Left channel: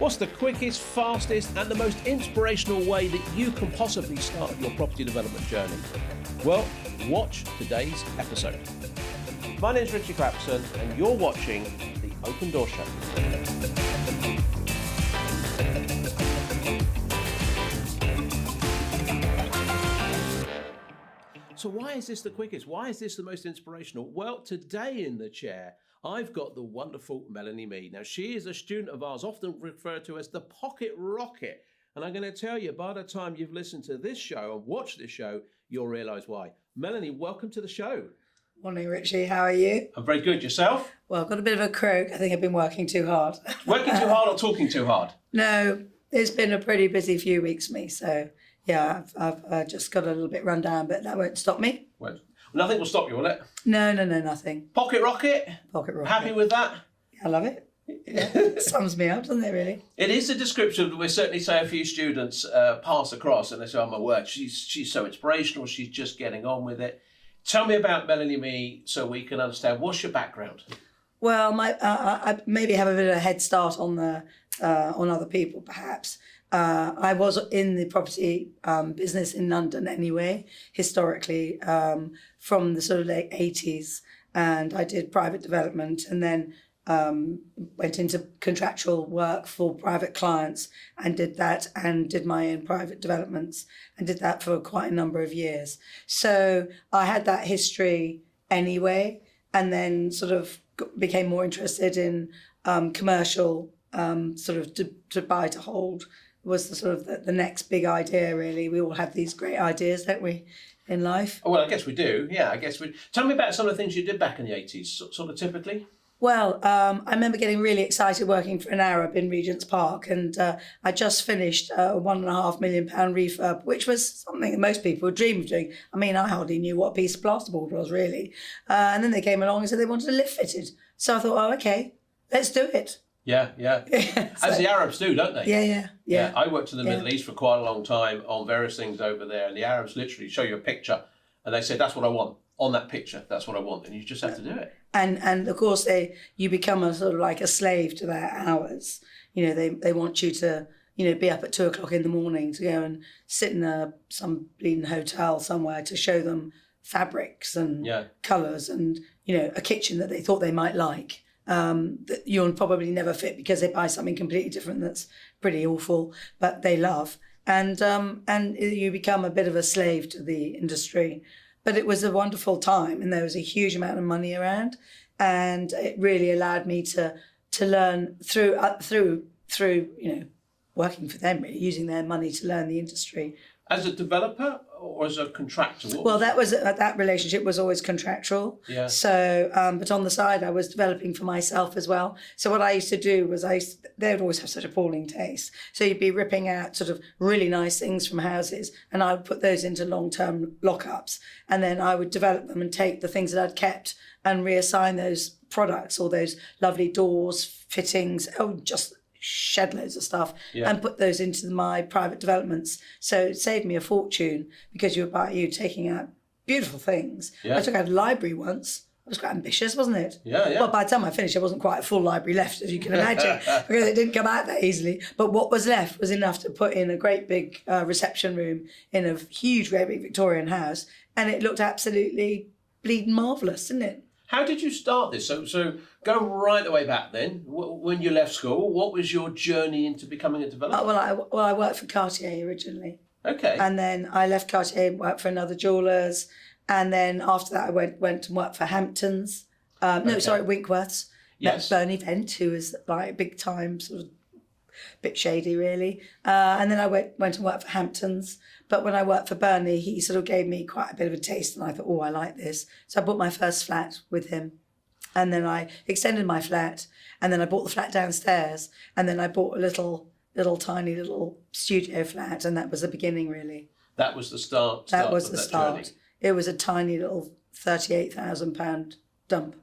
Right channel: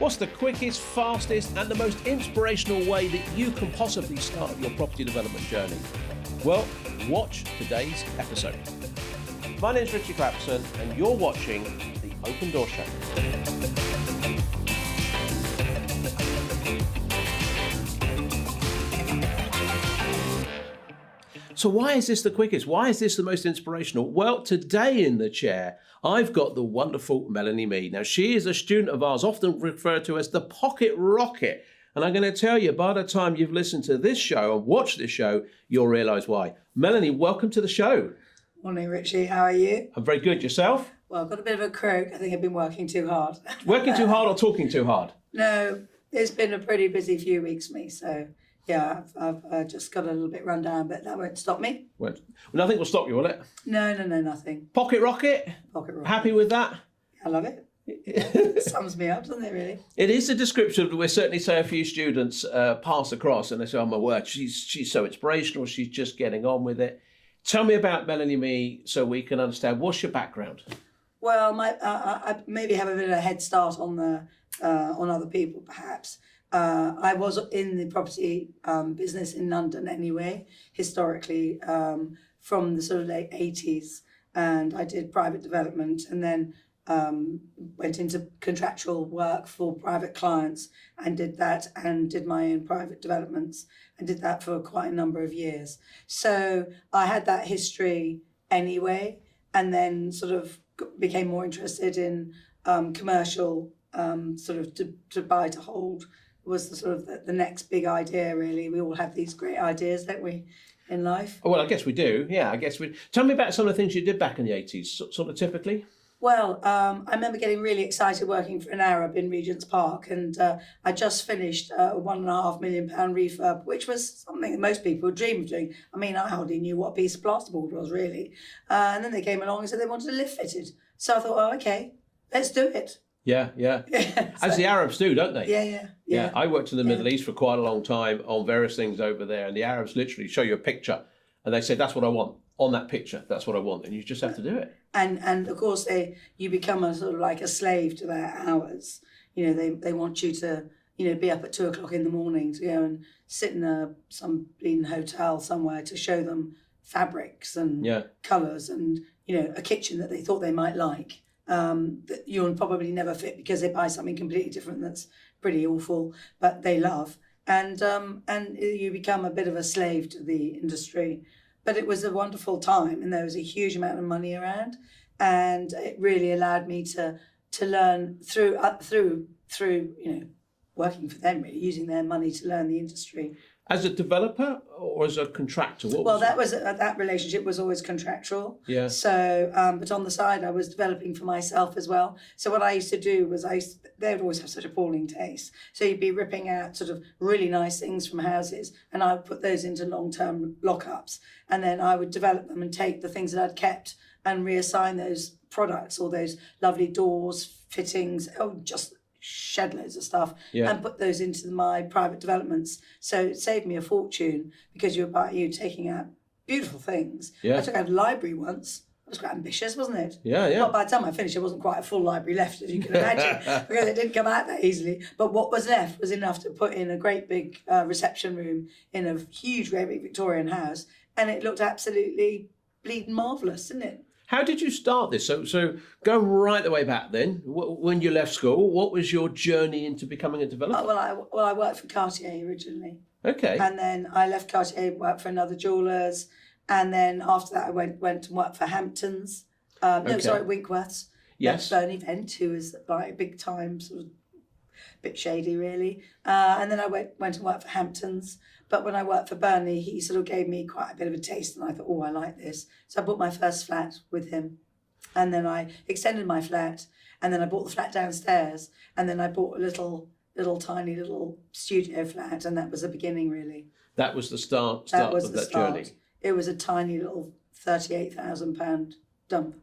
What's the quickest, fastest, and the most inspirational way that you can possibly start your property development journey? Well, watch today's episode. My name's Ritchie Clapson, and you're watching The Open Door Show. So why is this the quickest? Why is this the most inspirational? Well, today in the chair, I've got the wonderful Melanie Meigh. Now, she is a student of ours, often referred to as the pocket rocket. And I'm going to tell you, by the time you've listened to this show and watched this show, you'll realise why. Melanie, welcome to the show. Morning, Richie. How are you? I'm very good. Yourself? Well, I've got a bit of a croak. I think I've been working too hard. Working too hard or talking too hard? No, it's been a pretty busy few weeks for me. So, yeah, I've just got a little bit run down, but that won't stop me. Well, nothing will stop you, will it? No, nothing. Pocket rocket? Pocket rocket. Happy with that? I love it. Yeah, sums me up, doesn't it, really? It is a description we certainly say a few students pass across and they say, oh my word, she's so inspirational, she's just getting on with it. Tell me about Melanie Meigh so we can understand. What's your background? Well, I maybe have a bit of a head start on other people, perhaps. I was in the property business in London anyway, historically, from the sort of late 80s. And I did private development and then went into contractual work for private clients and did that and did my own private developments and did that for quite a number of years. So I had that history anyway, and then sort of became more interested in commercial sort of to buy to hold was the sort of the next big idea, really. We all have these great ideas, don't we, in life? Oh, well, I guess we do. Yeah, I guess we. Tell me about some of the things you did back in the 80s, sort of typically. Well, I remember getting really excited working for an Arab in Regent's Park, and I just finished a £1.5 million refurb, which was something that most people would dream of doing. I mean, I hardly knew what a piece of plasterboard was, really. And then they came along and said they wanted a lift fitted. So I thought, oh, okay, let's do it. Yeah. As the Arabs do, don't they? Yeah. I worked in the Middle East for quite a long time on various things over there, and the Arabs literally show you a picture, and they say, that's what I want. On that picture, that's what I want, and you just have to do it. And of course, you become a sort of like a slave to their hours. You know, they want you to, be up at 2:00 in the morning to go and sit in some bleeding hotel somewhere to show them fabrics and colours and, a kitchen that they thought they might like. That you'll probably never fit because they buy something completely different that's pretty awful, but they love. And you become a bit of a slave to the industry. But it was a wonderful time, and there was a huge amount of money around, and it really allowed me to learn through working for them, really using their money to learn the industry. As a developer or as a contractor? That relationship was always contractual. Yeah. So, but on the side, I was developing for myself as well. So what I used to do was they would always have such appalling taste. So you'd be ripping out sort of really nice things from houses, and I would put those into long-term lockups, and then I would develop them and take the things that I'd kept and reassign those products or those lovely doors, fittings, just shed loads of stuff and put those into my private developments. So it saved me a fortune because you taking out beautiful things. Yeah. I took out a library once. It was quite ambitious, wasn't it? Yeah. Well, by the time I finished, there wasn't quite a full library left, as you can imagine, because it didn't come out that easily. But what was left was enough to put in a great big reception room in a huge, great big Victorian house, and it looked absolutely bleeding marvellous, didn't it? How did you start this? So go right the way back then. When you left school, what was your journey into becoming a developer? I worked for Cartier originally. Okay. And then I left Cartier, worked for another jewellers, and then after that I went and worked for Hamptons. Winkworth's. Yes. Bernie Vent, who was like big time, sort of bit shady really. And then I went and worked for Hamptons. But when I worked for Bernie, he sort of gave me quite a bit of a taste, and I thought, oh, I like this. So I bought my first flat with him. And then I extended my flat, and then I bought the flat downstairs, and then I bought a little tiny studio flat, and that was the beginning, really. That was the start That was the that start. journey. It was a tiny little £38,000 dump.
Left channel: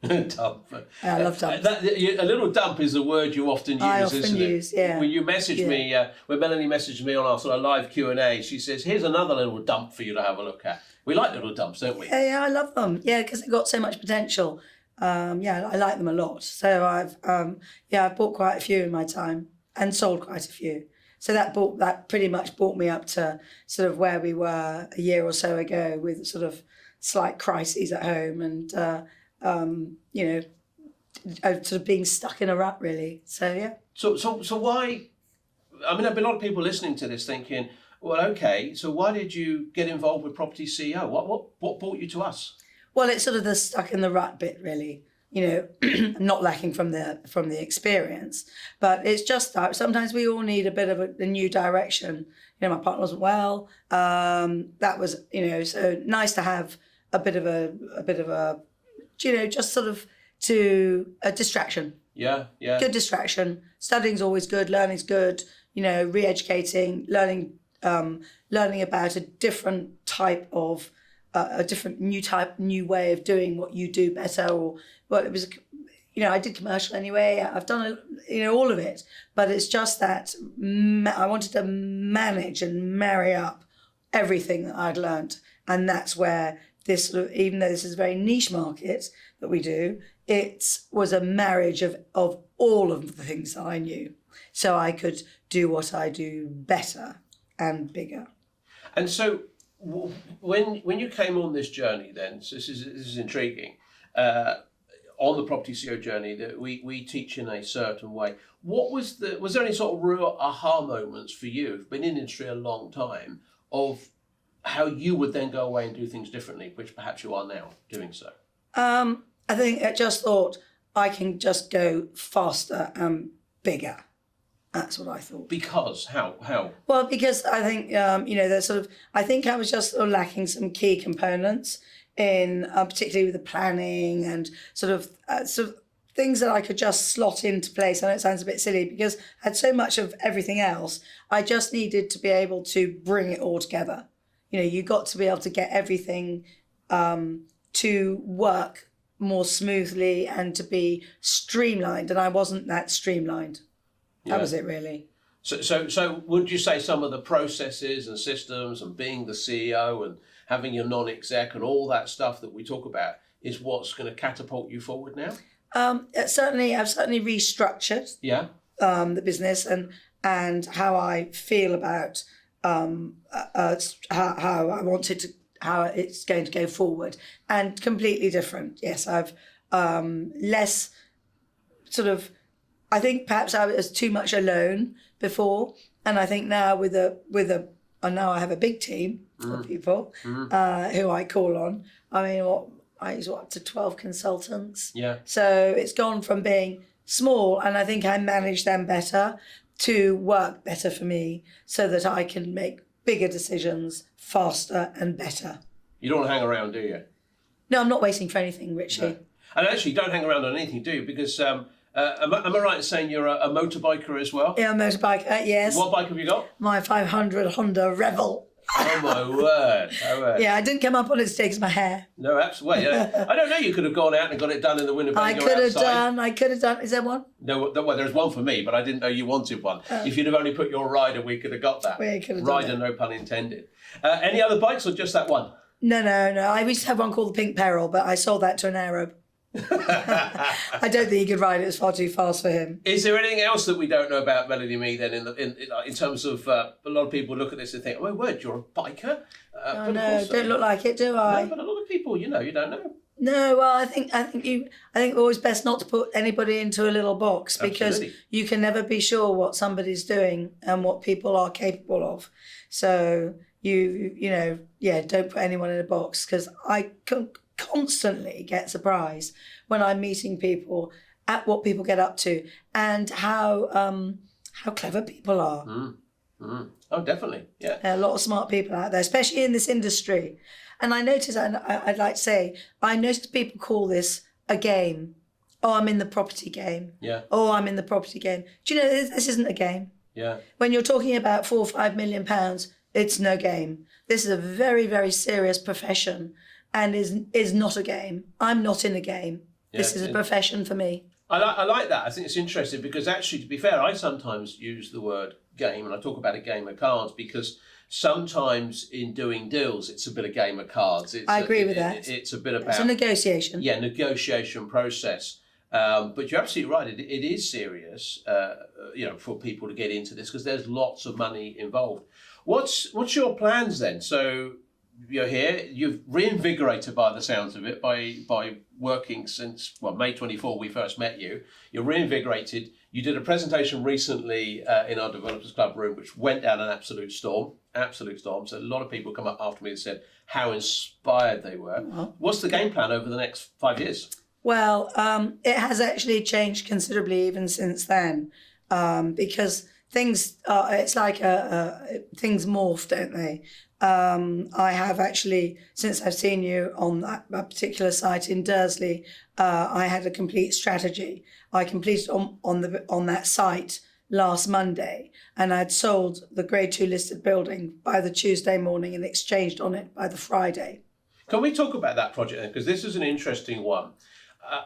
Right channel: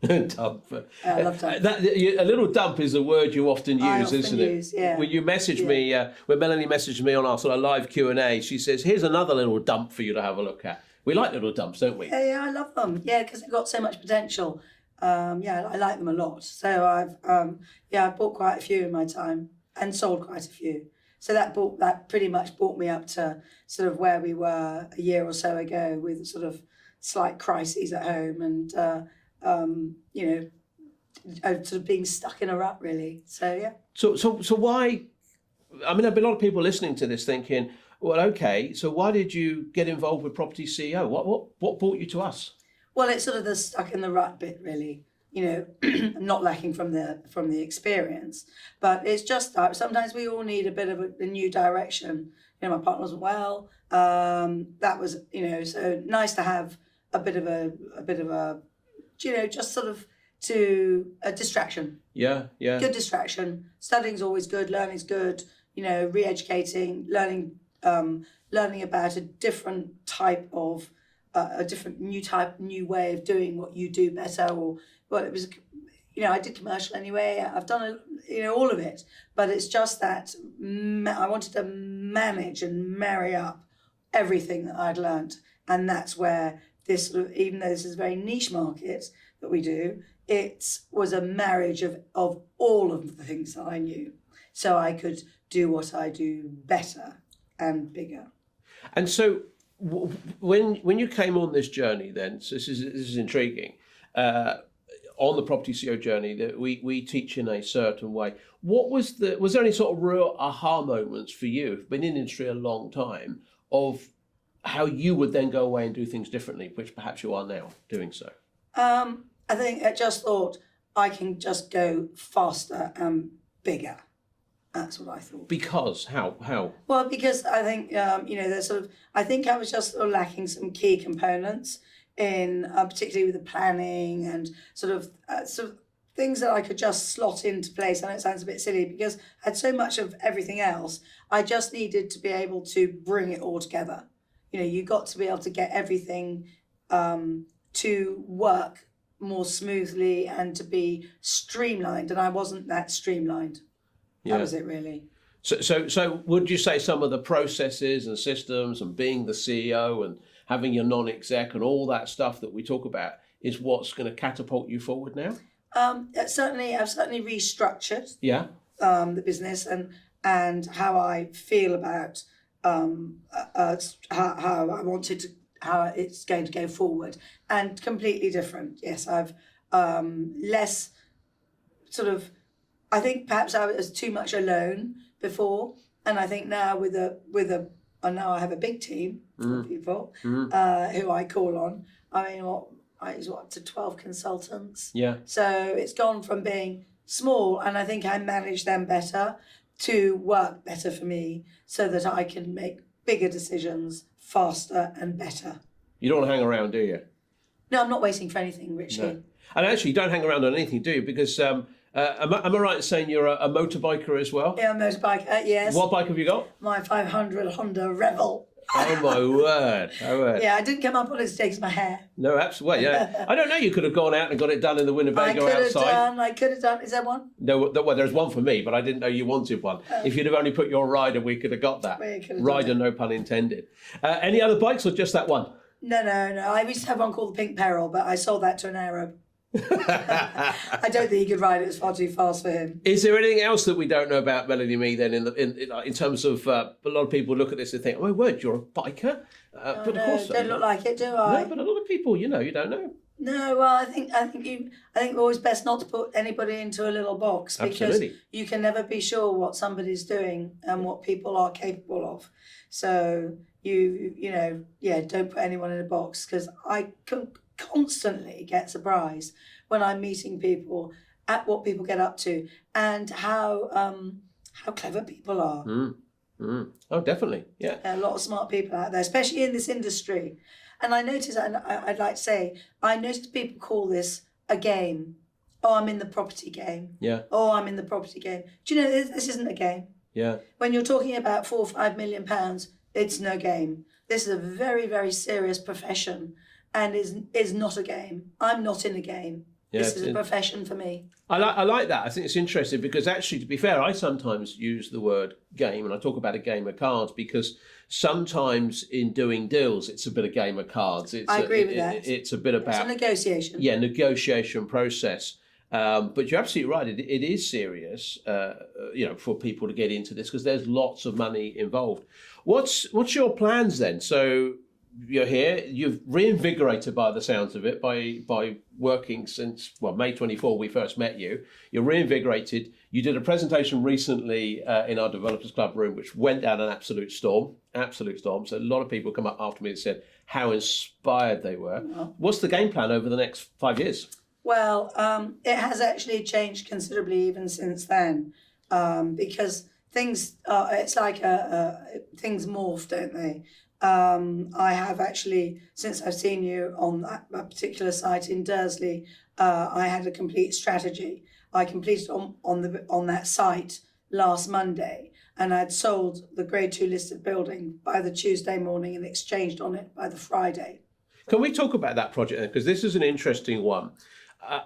Dump. I love dump. A little dump is a word you often use, isn't it? Yeah. When you message me, when Melanie messaged me on our sort of live Q&A, she says, here's another little dump for you to have a look at. We like little dumps, don't we? Yeah, I love them. Yeah, because they've got so much potential. I like them a lot. So I've bought quite a few in my time. and sold quite a few. So that pretty much brought me up to sort of where we were a year or so ago, with sort of slight crises at home and sort of being stuck in a rut, really. So yeah. So why? I mean, there'll be a lot of people listening to this thinking, well, okay, so why did you get involved with Property CEO? What brought you to us? Well, it's sort of the stuck in the rut bit, really. Not lacking from the experience, but it's just that sometimes we all need a bit of a new direction. My partner wasn't well. That was, so nice to have a bit of a, just sort of to a distraction. Yeah. Good distraction. Studying's always good. Learning's good. Re-educating, learning about a different type of, new way of doing what you do better. It was, I did commercial anyway. I've done, all of it. But it's just that I wanted to manage and marry up everything that I'd learnt. And that's where this sort of, even though this is a very niche market that we do, it was a marriage of all of the things that I knew. So I could do what I do better and bigger. And so when you came on this journey then, so this is intriguing, on the Property CEO journey that we teach in a certain way, was there any sort of real aha moments for you, who've been in industry a long time, of how you would then go away and do things differently, which perhaps you are now doing so? I think I just thought I can just go faster and bigger. That's what I thought. Because how? Well, because I think there's sort of, I think I was just sort of lacking some key components in particularly with the planning and sort of things that I could just slot into place. I know it sounds a bit silly because I had so much of everything else. I just needed to be able to bring it all together. You got to be able to get everything to work more smoothly and to be streamlined, and I wasn't that streamlined. Yeah. That was it, really. So would you say some of the processes and systems and being the CEO and having your non-exec and all that stuff that we talk about is what's going to catapult you forward now? I've certainly restructured the business and how I feel about how it's going to go forward, and completely different. Yes, I've less sort of, I think perhaps I was too much alone before, and I think now now I have a big team of people who I call on. I mean, I use up to 12 consultants. Yeah. So it's gone from being small, and I think I manage them better, to work better for me so that I can make bigger decisions faster and better. You don't want to hang around, do you? No, I'm not waiting for anything, Ritchie. No. And actually, you don't hang around on anything, do you? Because am I right in saying you're a motorbiker as well? Yeah, a motorbiker, yes. What bike have you got? My 500 Honda Revel. Oh my word! Oh word! Yeah, I didn't come up on it to take my hair. No, absolutely. Yeah, I don't know. You could have gone out and got it done in the Winnebago outside. I could have done. Is there one? No, well, there's one for me, but I didn't know you wanted one. If you'd have only put your rider, we could have got that. We could have rider, no pun intended. Any other bikes or just that one? No. I used to have one called the Pink Peril, but I sold that to an Arab. I don't think he could ride it. It's far too fast for him. Is there anything else that we don't know about Melanie Meigh then in terms of a lot of people look at this and think, oh my word, you're a biker? But no, of course, don't look like it, do I? No, but a lot of people, you don't know. No, well, I think it's always best not to put anybody into a little box, because Absolutely. You can never be sure what somebody's doing and what people are capable of. So don't put anyone in a box, because I constantly get surprised when I'm meeting people at what people get up to and how clever people are. Oh, definitely, yeah. There are a lot of smart people out there, especially in this industry. And I notice, and I'd like to say, I noticed people call this a game. Oh, I'm in the property game. Yeah. Oh, I'm in the property game. Do you know, this isn't a game. Yeah. When you're talking about £4 or £5 million, it's no game. This is a very, very serious profession, and is not a game. I'm not in a game. Yeah, this is a profession for me. I like that. I think it's interesting because actually, to be fair, I sometimes use the word game, and I talk about a game of cards, because sometimes in doing deals, it's a bit of game of cards. I agree with that. It's a bit about... It's a negotiation. Yeah, negotiation process. But you're absolutely right. It is serious, for people to get into this because there's lots of money involved. What's your plans then? So you're here. You've reinvigorated by the sounds of it by working since May 24. We first met you. You're reinvigorated. You did a presentation recently in our Developers Club room, which went down an absolute storm. So a lot of people come up after me and said how inspired they were. What's the game plan over the next 5 years? Well, it has actually changed considerably even since then, because things things morph, don't they? I have actually, since I've seen you on that particular site in Dursley, I had a complete strategy. I completed on that site last Monday, and I'd sold the Grade 2 listed building by the Tuesday morning and exchanged on it by the Friday. Can we talk about that project then? Because this is an interesting one.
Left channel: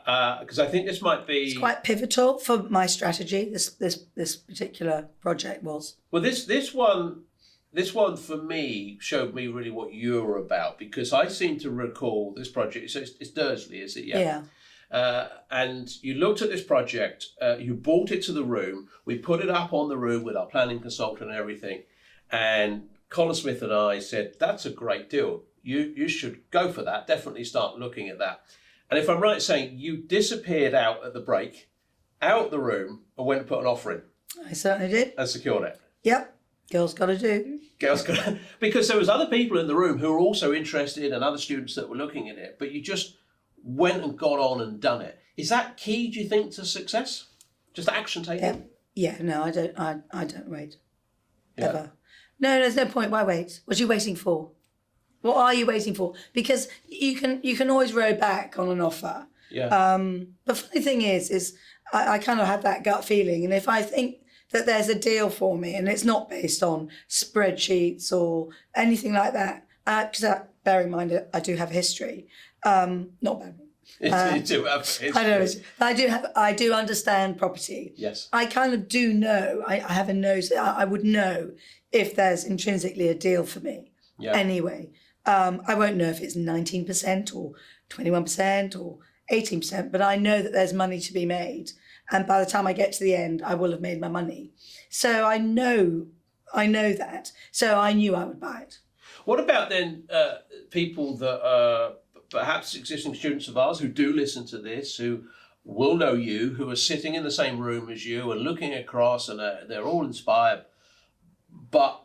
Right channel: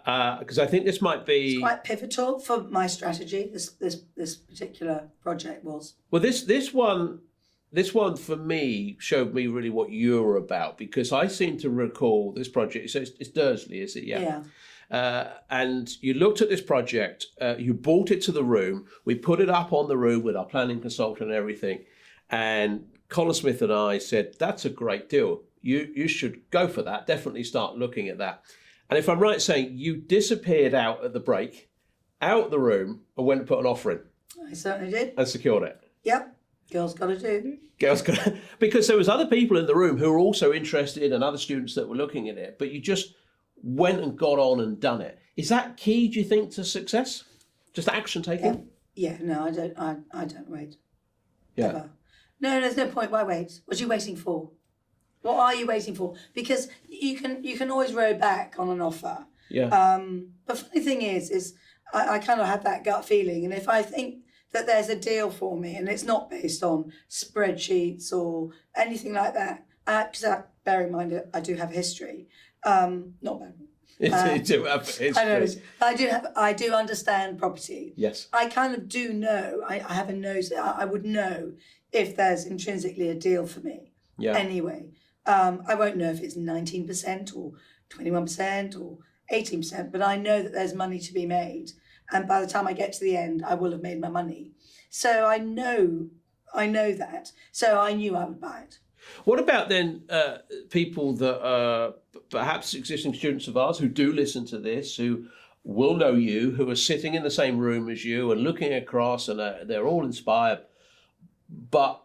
Because I think this might be... It's quite pivotal for my strategy, this particular project was. Well, this one for me showed me really what you're about, because I seem to recall this project. So it's Dursley, is it? Yeah. And you looked at this project, you brought it to the room, we put it up on the room with our planning consultant and everything, and Colin Smith and I said, that's a great deal. You should go for that, definitely start looking at that. And if I'm right saying you disappeared out at the break, out the room, and went and put an offer in. I certainly did. And secured it. Yep. Girls got to do. Because there was other people in the room who were also interested and other students that were looking at it, but you just went and got on and done it. Is that key, do you think, to success? Just action taking? Yeah, no, I don't wait. Yeah. Ever. No, there's no point. Why wait? What are you waiting for? What are you waiting for? Because you can always row back on an offer. Yeah. The funny thing is I kind of have that gut feeling, and if I think that there's a deal for me and it's not based on spreadsheets or anything like that, because bear in mind I do have history, not bad. You do have history. I know. I do understand property. Yes. I kind of do know. I have a nose. I would know if there's intrinsically a deal for me. Yeah. Anyway. I won't know if it's 19% or 21% or 18%, but I know that there's money to be made. And by the time I get to the end, I will have made my money. So I know that. So I knew I would buy it. What about then people that are perhaps existing students of ours who do listen to this, who will know you, who are sitting in the same room as you and looking across and they're all inspired, but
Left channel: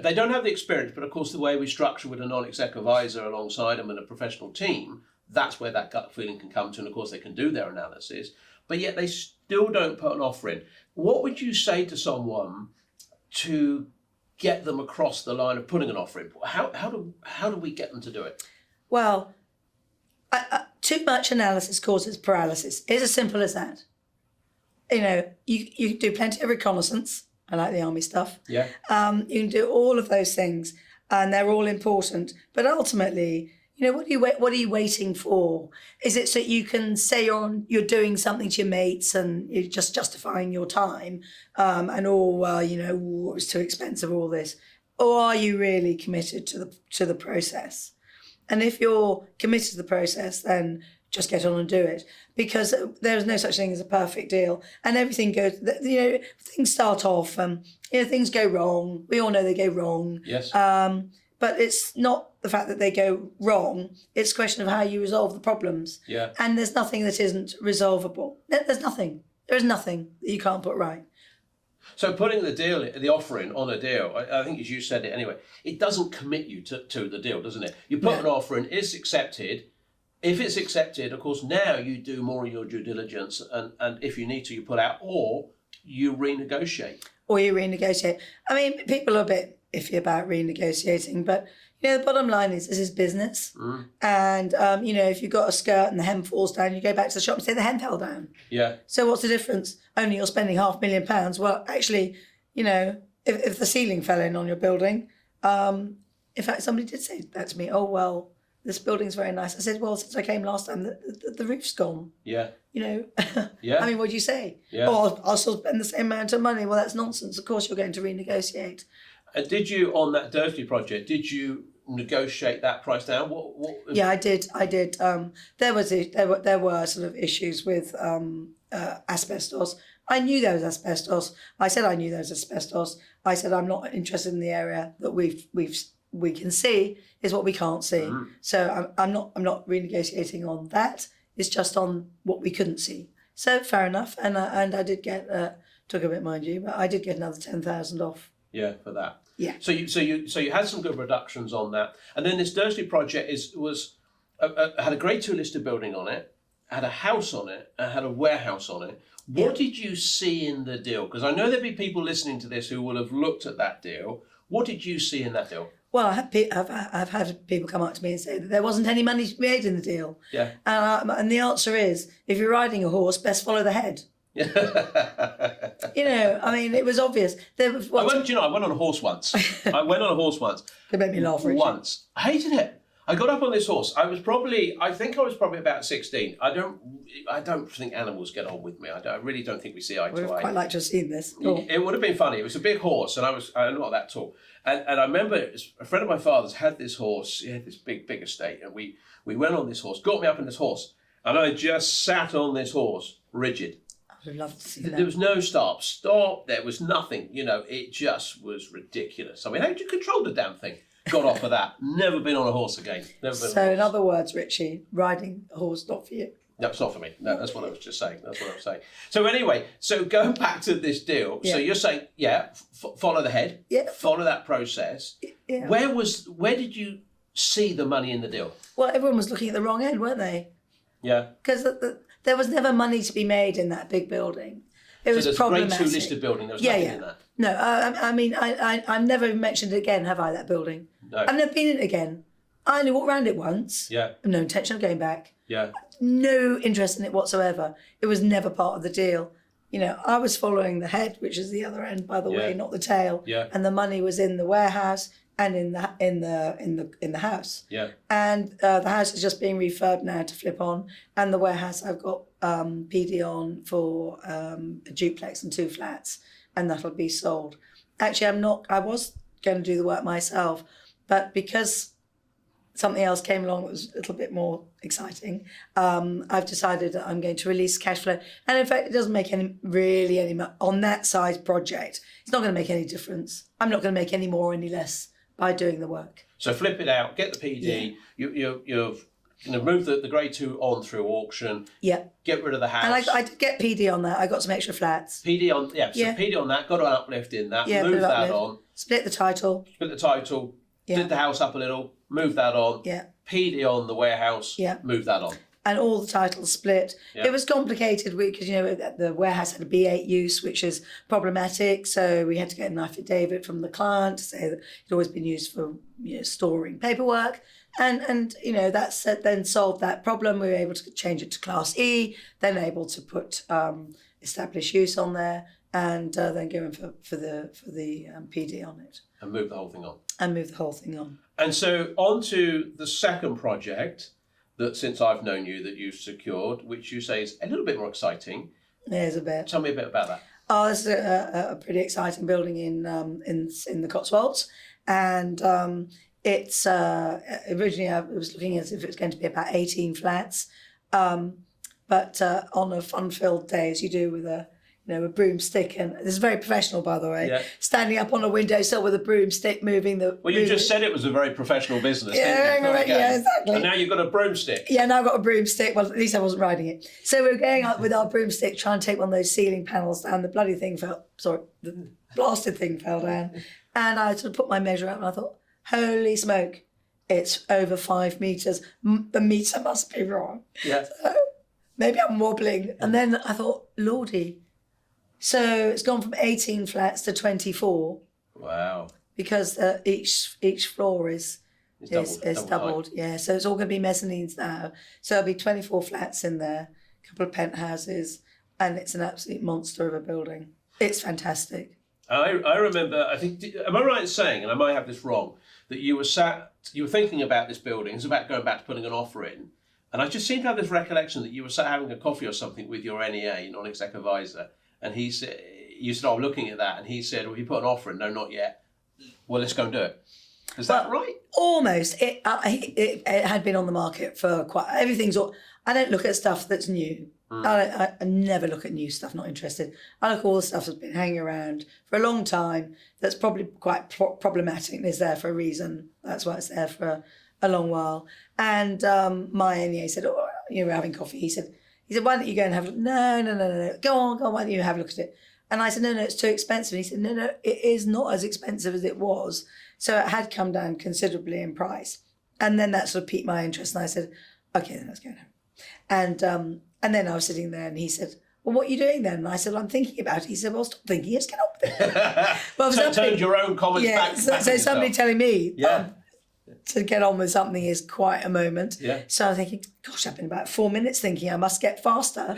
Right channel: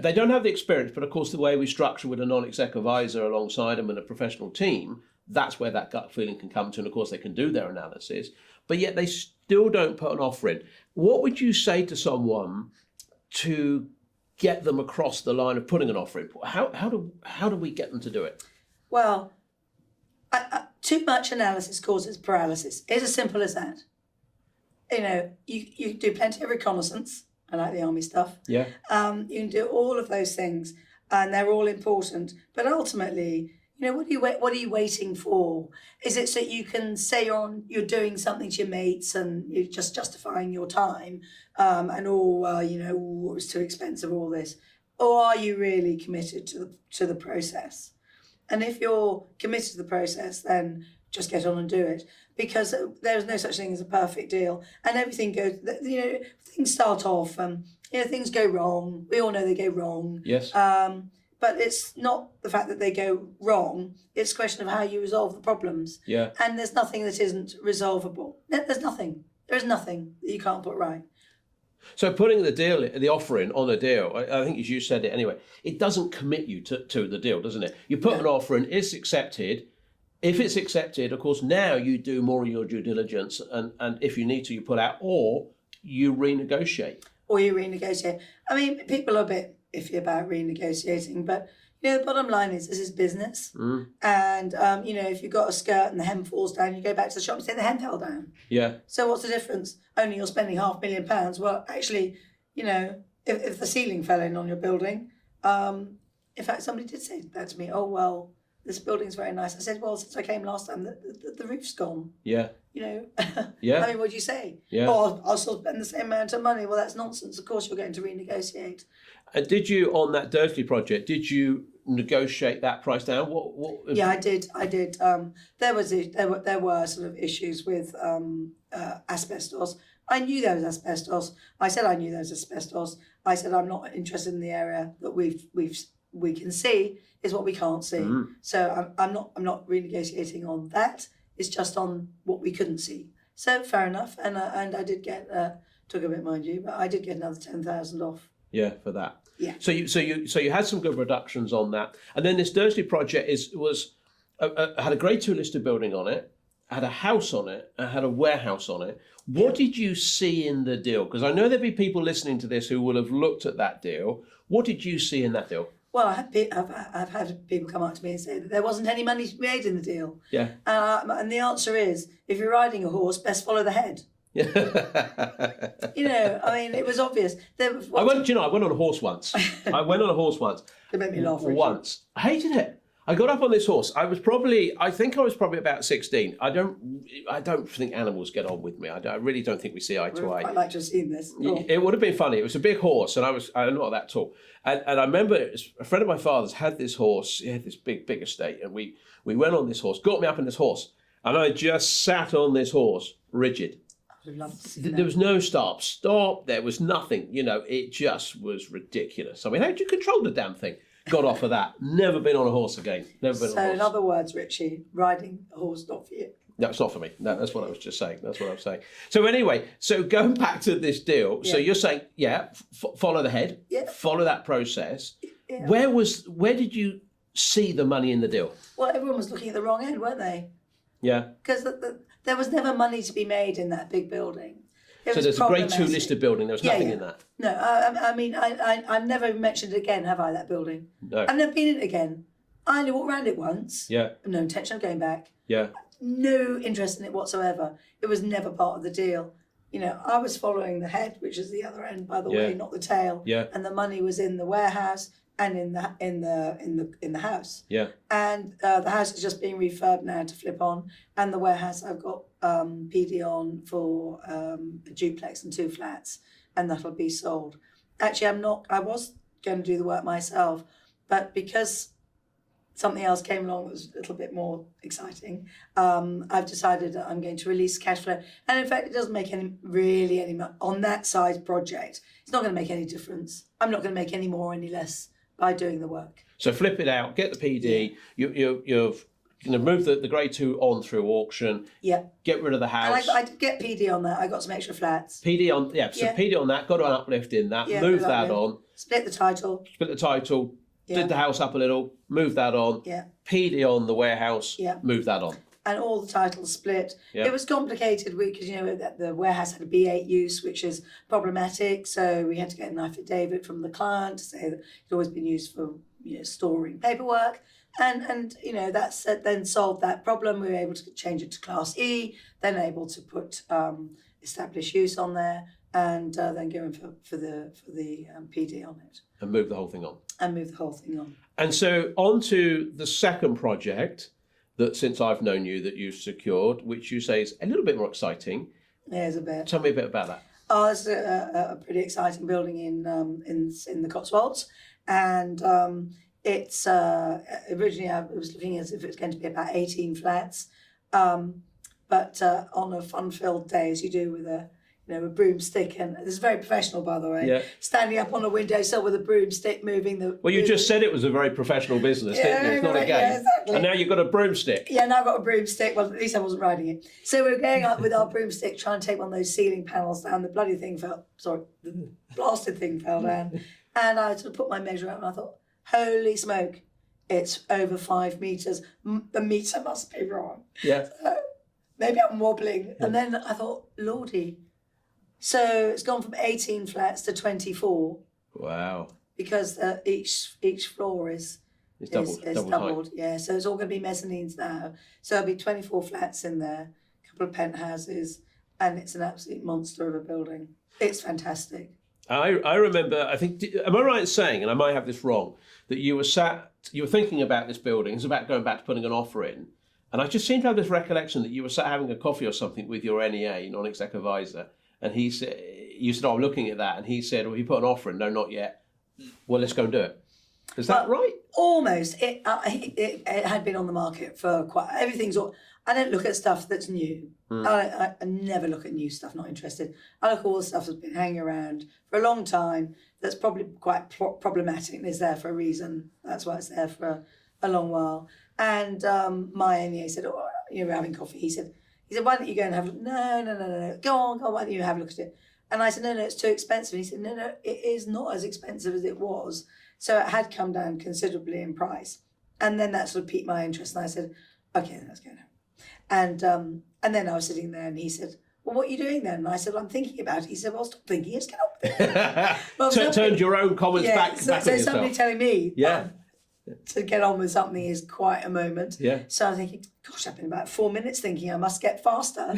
they don't have the experience, but of course the way we structure with a non-exec advisor alongside them and a professional team, that's where that gut feeling can come to, and of course they can do their analysis, but yet they still don't put an offer in. What would you say to someone to get them across the line of putting an offer in? How do we get them to do it? Well, too much analysis causes paralysis. It's as simple as that. You do plenty of reconnaissance. I like the army stuff. Yeah. You can do all of those things, and they're all important. But ultimately, what are you waiting for? Is it so you can say you're doing something to your mates and you're just justifying your time, and it was too expensive, all this, or are you really committed to the process? And if you're committed to the process, then just get on and do it, because there's no such thing as a perfect deal, and everything goes. Things start off, things go wrong. We all know they go wrong. Yes. But it's not the fact that they go wrong. It's a question of how you resolve the problems. Yeah. And there's nothing that isn't resolvable. There's nothing. There is nothing that you can't put right. So putting the offer in on a deal, I think as you said it anyway, it doesn't commit you to the deal, doesn't it? You put an offer in, it's accepted. If it's accepted, of course, now you do more of your due diligence, and if you need to, you pull out, or you renegotiate. I mean, people are a bit iffy about renegotiating, but the bottom line is this is business. And if you've got a skirt and the hem falls down, you go back to the shop and say the hem fell down. Yeah. So what's the difference? Only you're spending £500,000. Well, actually, if the ceiling fell in on your building, in fact, somebody did say that to me. Oh well, this building's very nice. I said, well, since I came last time, the roof's gone. Yeah. Yeah. I mean, what do you say? Yeah. Oh, I'll still spend the same amount of money. Well, that's nonsense. Of course, you're going to renegotiate. And did you, on that Dursley project, did you negotiate that price down? Yeah, I did. There were sort of issues with asbestos. I knew there was asbestos. I said I knew there was asbestos. I said I'm not interested in the area that we can see is what we can't see. So I'm not renegotiating on that. It's just on what we couldn't see. So fair enough. And I did get took a bit, mind you, but I did get another 10,000 off. Yeah, for that. Yeah. So you had some good reductions on that, and then this Dursley project had a Grade 2 listed building on it, had a house on it, and had a warehouse on it. What did you see in the deal? Because I know there'll be people listening to this who will have looked at that deal. What did you see in that deal? Well, I've had people come up to me and say that there wasn't any money to be made in the deal. Yeah. And the answer is, if you're riding a horse, best follow the head. Yeah. I mean, it was obvious. I went on a horse once. It made me laugh. Once. I hated it. I got up on this horse. I think I was probably about 16. I don't think animals get on with me. I really don't think we see eye to eye. I'd quite like to have seen this. Cool. It would have been funny. It was a big horse, and I'm not that tall. And I remember a friend of my father's had this horse. He had this big estate, and we went on this horse, got me up on this horse, and I just sat on this horse, rigid. I would love to see that. There was no stop. There was nothing. It just was ridiculous. I mean, how did you control the damn thing? Got off of that. Never been on a horse again. So, in other words, Ritchie, riding a horse not for you. No, it's not for me. No, that's what I was just saying. So anyway, going back to this deal. Yeah. So you're saying, follow the head. Yeah. Follow that process. Yeah. Where did you see the money in the deal? Well, everyone was looking at the wrong end, weren't they? Yeah. Because there was never money to be made in that big building. There's a Grade 2 listed building. There was nothing in that. No, I mean, I've never mentioned it again, have I, that building? No. I've never been in it again. I only walked around it once. Yeah. No intention of going back. Yeah. No interest in it whatsoever. It was never part of the deal. I was following the head, which is the other end, by the way, not the tail. Yeah. And the money was in the warehouse and in the house. Yeah. And the house is just being refurbed now to flip on, and the warehouse I've got PD on for a duplex and 2 flats, and that'll be sold. Actually, I was going to do the work myself, but because something else came along that was a little bit more exciting, I've decided that I'm going to release cash flow. And in fact, it doesn't make any on that size project. It's not going to make any difference. I'm not going to make any more or any less by doing the work. So flip it out, get the PD. Yeah. You've move the Grade 2 on through auction. Yeah. Get rid of the house. And I did get PD on that. I got some extra flats. PD on, PD on that. Got an uplift in that. Yeah, move that on. Split the title. Yeah. Did the house up a little. Move that on. Yeah. PD on the warehouse. Yeah. Move that on. And all the titles split. Yeah. It was complicated because the warehouse had a B8 use, which is problematic. So we had to get an affidavit from the client to say that it's always been used for storing paperwork. And that's then solved that problem. We were able to change it to Class E, then able to put established use on there, and then go in for the PD on it. And move the whole thing on. And so on to the second project that, since I've known you, that you've secured, which you say is a little bit more exciting. There's a bit. Tell me a bit about that. Oh, it's a pretty exciting building in the Cotswolds, and it's originally I was looking as if it's going to be about 18 flats, but on a fun-filled day, as you do with a broomstick, and this is very professional, by the way. Yeah. Standing up on a windowsill with a broomstick, moving the. Well, you just said it was a very professional business, didn't you? It's not a game. Yeah, exactly. And now you've got a broomstick. Yeah, now I've got a broomstick. Well, at least I wasn't riding it. So we were going up with our broomstick, trying to take one of those ceiling panels down. The the blasted thing fell down, and I sort of put my measure up, and I thought, holy smoke, it's over 5 meters. The meter must be wrong. Yeah. So maybe I'm wobbling, and then I thought, lordy. So it's gone from 18 flats to 24. Wow. Because each floor is doubled. Yeah, so it's all going to be mezzanines now. So there'll be 24 flats in there, a couple of penthouses, and it's an absolute monster of a building. It's fantastic. I remember, I think, am I right in saying, and I might have this wrong, that you were thinking about this building, it's about going back to putting an offer in, and I just seem to have this recollection that you were sat having a coffee or something with your NEA, non-exec advisor, and he said, you said, I'm looking at that. And he said, well, you put an offer in. No, not yet. Well, let's go and do it. Is that right? Almost. It had been on the market for I don't look at stuff that's new. I never look at new stuff, not interested. I look at all the stuff that's been hanging around for a long time that's probably quite problematic and is there for a reason. That's why it's there for a long while. And my NEA said, oh, you were having coffee. He said, why don't you go and have a look? No. Go on, why don't you have a look at it? And I said, no, it's too expensive. And he said, no, it is not as expensive as it was. So it had come down considerably in price. And then that sort of piqued my interest. And I said, okay, then let's go now. And then I was sitting there and he said, well, what are you doing then? And I said, well, I'm thinking about it. He said, well, stop thinking, just get on with it. Well, turned your own comments back. So somebody telling me to get on with something is quite a moment. Yeah. So I'm thinking, gosh, I've been about 4 minutes thinking I must get faster.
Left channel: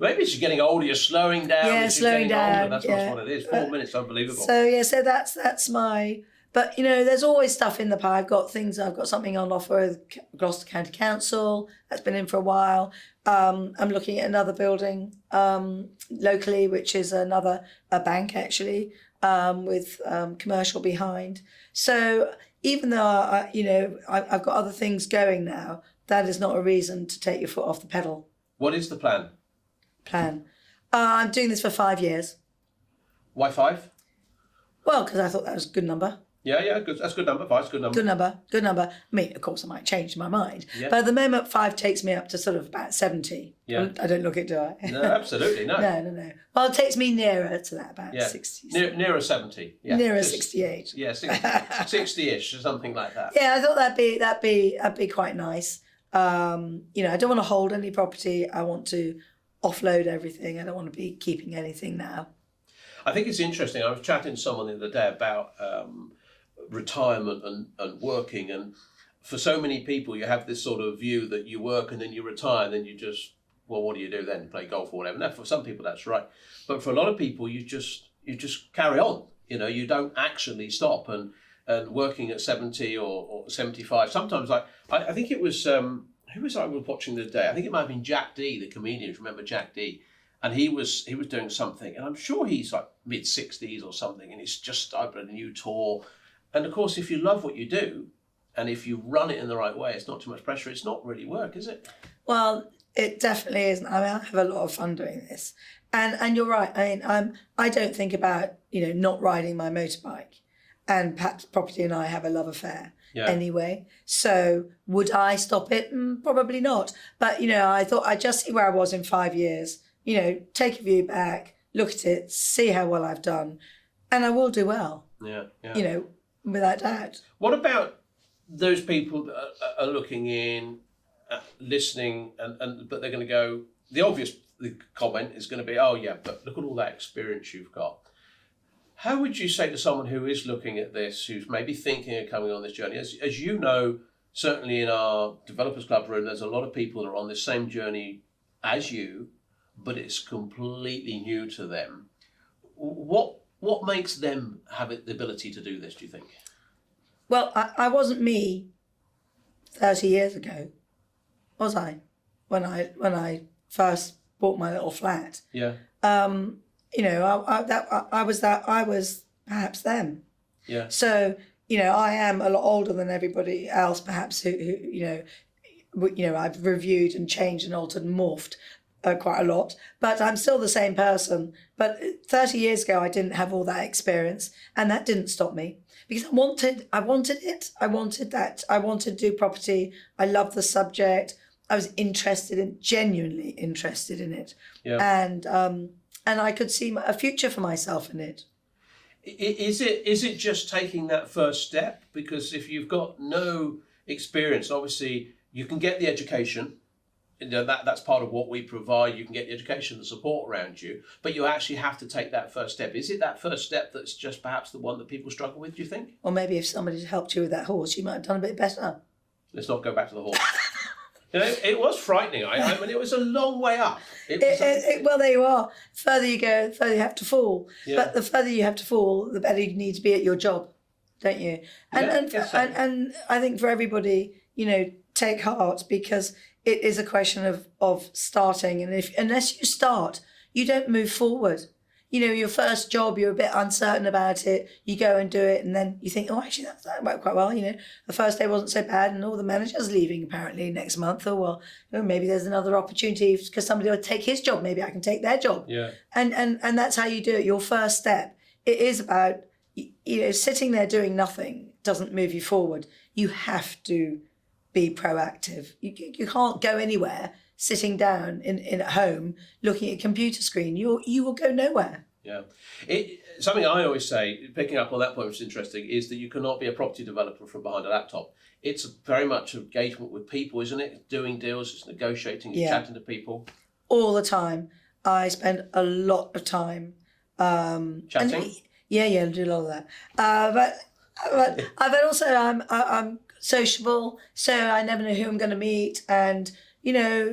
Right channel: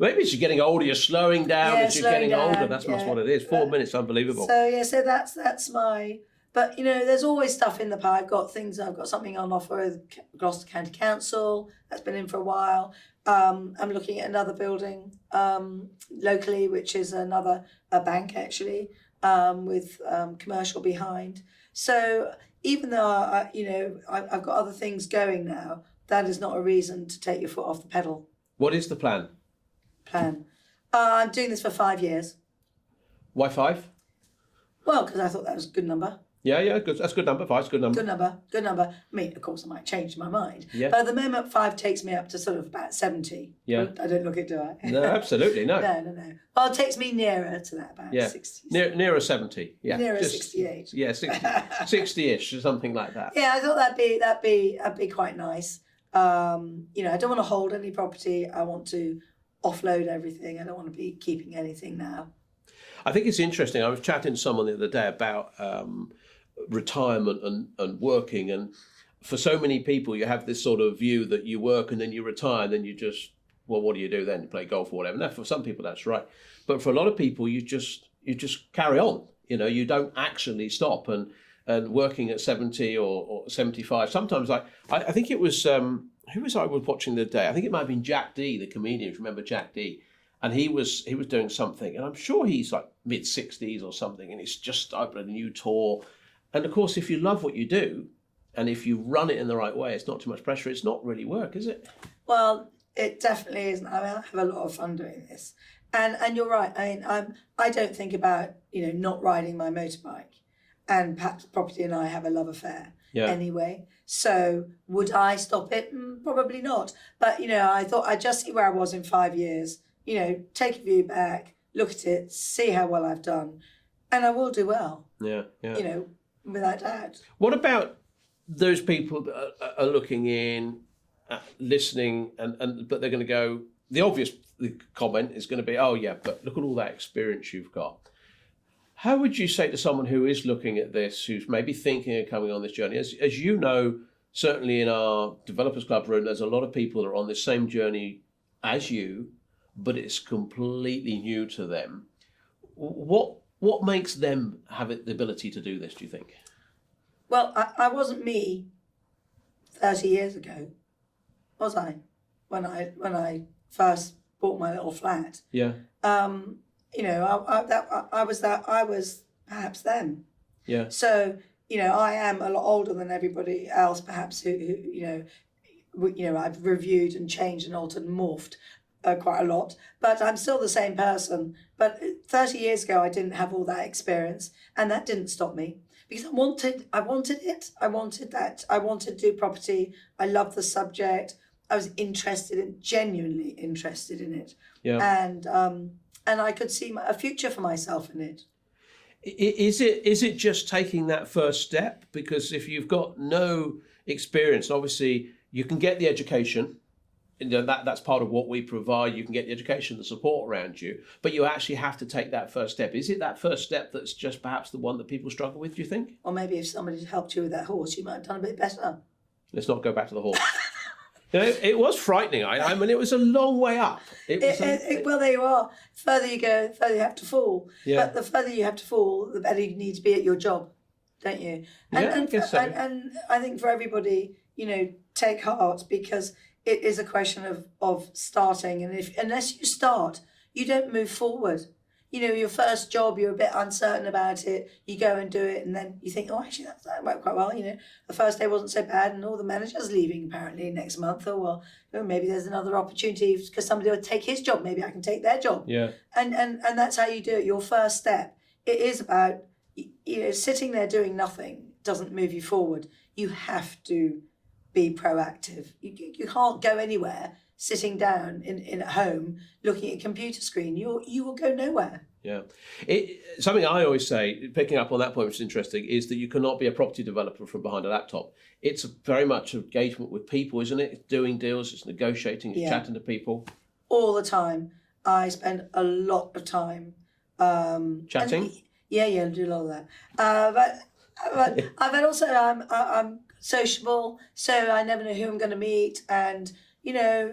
Maybe as you're getting older, you're slowing down. As you're getting older, that's what it is. 4 minutes, unbelievable. So that's my... But, there's always stuff in the pie. I've got something on offer with Gloucester County Council. That's been in for a while. I'm looking at another building locally, which is a bank, actually, with commercial behind. So even though, I've got other things going now, that is not a reason to take your foot off the pedal. What is the plan? I'm doing this for 5 years. Why 5? Well, because I thought that was a good number. Yeah, good. That's a good number. 5's a good number. Good number. I mean, of course, I might change my mind. Yeah. But at the moment, 5 takes me up to sort of about 70. Yeah. I don't look it, do I? No, absolutely, no. No. Well, it takes me nearer to that, about 60. Nearer 70. Yeah. Nearer 68. Yeah, 60-ish or something like that. Yeah, I thought that'd be quite nice. I don't want to hold any property. I want to offload everything. I don't want to be keeping anything now. I think it's interesting. I was chatting to someone the other day about retirement and working, and for so many people you have this sort of view that you work and then you retire and then you just, well, what do you do then? You play golf or whatever. Now, for some people that's right, but for a lot of people you just carry on. You don't actually stop and working at 70 or 75. Sometimes I think it was who was I was watching the other day? I think it might have been Jack D, the comedian. Remember Jack D? And he was doing something, and I'm sure he's like mid-60s or something, and he's just opened a new tour. And of course, if you love what you do, and if you run it in the right way, it's not too much pressure. It's not really work, is it? Well, it definitely isn't. I mean, I have a lot of fun doing this, and you're right. I mean, I don't think about not riding my motorbike, and Pat Property and I have a love affair anyway. So would I stop it? Probably not. But I thought I'd just see where I was in 5 years. Take a view back, look at it, see how well I've done, and I will do well. Yeah. Without doubt. What about those people that are looking in, listening, but they're going to go, the obvious comment is going to be, oh yeah, but look at all that experience you've got. How would you say to someone who is looking at this, who's maybe thinking of coming on this journey, as you know, certainly in our Developers Club room, there's a lot of people that are on the same journey as you, but it's completely new to them. What makes them have the ability to do this, do you think? Well, I wasn't me 30 years ago, was I? When I first bought my little flat. Yeah. I was perhaps them. Yeah. So, I am a lot older than everybody else, perhaps, who I've reviewed and changed and altered and morphed quite a lot, but I'm still the same person. But 30 years ago, I didn't have all that experience, and that didn't stop me because I wanted it. I wanted that. I wanted to do property. I loved the subject. I was genuinely interested in it. Yeah. And I could see a future for myself in it. Is it just taking that first step? Because if you've got no experience, obviously you can get the education. That's part of what we provide. You can get the education, the support around you, but you actually have to take that first step. Is it that first step that's just perhaps the one that people struggle with, do you think? Or maybe if somebody had helped you with that horse, you might have done a bit better. Let's not go back to the horse. It was frightening. I mean, it was a long way up. Well, there you are. The further you go, the further you have to fall. Yeah. But the further you have to fall, the better you need to be at your job, don't you? And I think for everybody, take heart, because it is a question of starting. And unless you start, you don't move forward. your first job, you're a bit uncertain about it. You go and do it, and then you think, oh, actually, that went quite well. The first day wasn't so bad, and all the manager's leaving apparently next month. Or well, maybe there's another opportunity because somebody will take his job. Maybe I can take their job. Yeah. And that's how you do it. Your first step. It is about sitting there doing nothing doesn't move you forward. You have to be proactive. You can't go anywhere sitting down in at home looking at a computer screen. You will go nowhere. Yeah. Something I always say, picking up on that point, which is interesting, is that you cannot be a property developer from behind a laptop. It's very much engagement with people, isn't it? It's doing deals, it's negotiating, it's chatting to people. All the time. I spend a lot of time chatting. I do a lot of that. But also I'm sociable, so I never know who I'm going to meet. And I